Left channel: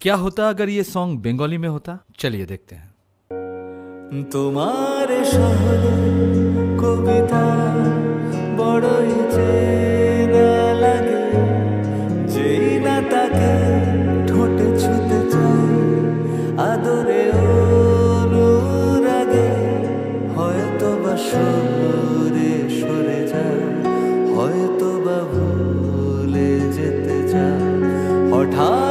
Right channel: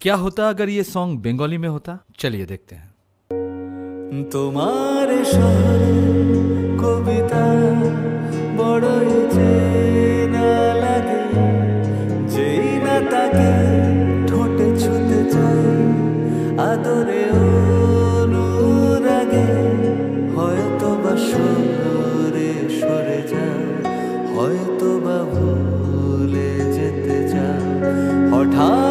क्या होता अगर ये सॉन्ग बंगाली में होता? चलिए देखते हैं। তোমার শহরে কবিতা বড়ই চেনা লাগে, যেই না তাকে ঠোঁটে ছুতে চাই আদরে অনুরাগে, হয়তো বা সরে সরে যাও, হয়তো বা ভুলে যেতে চাও, হঠাৎ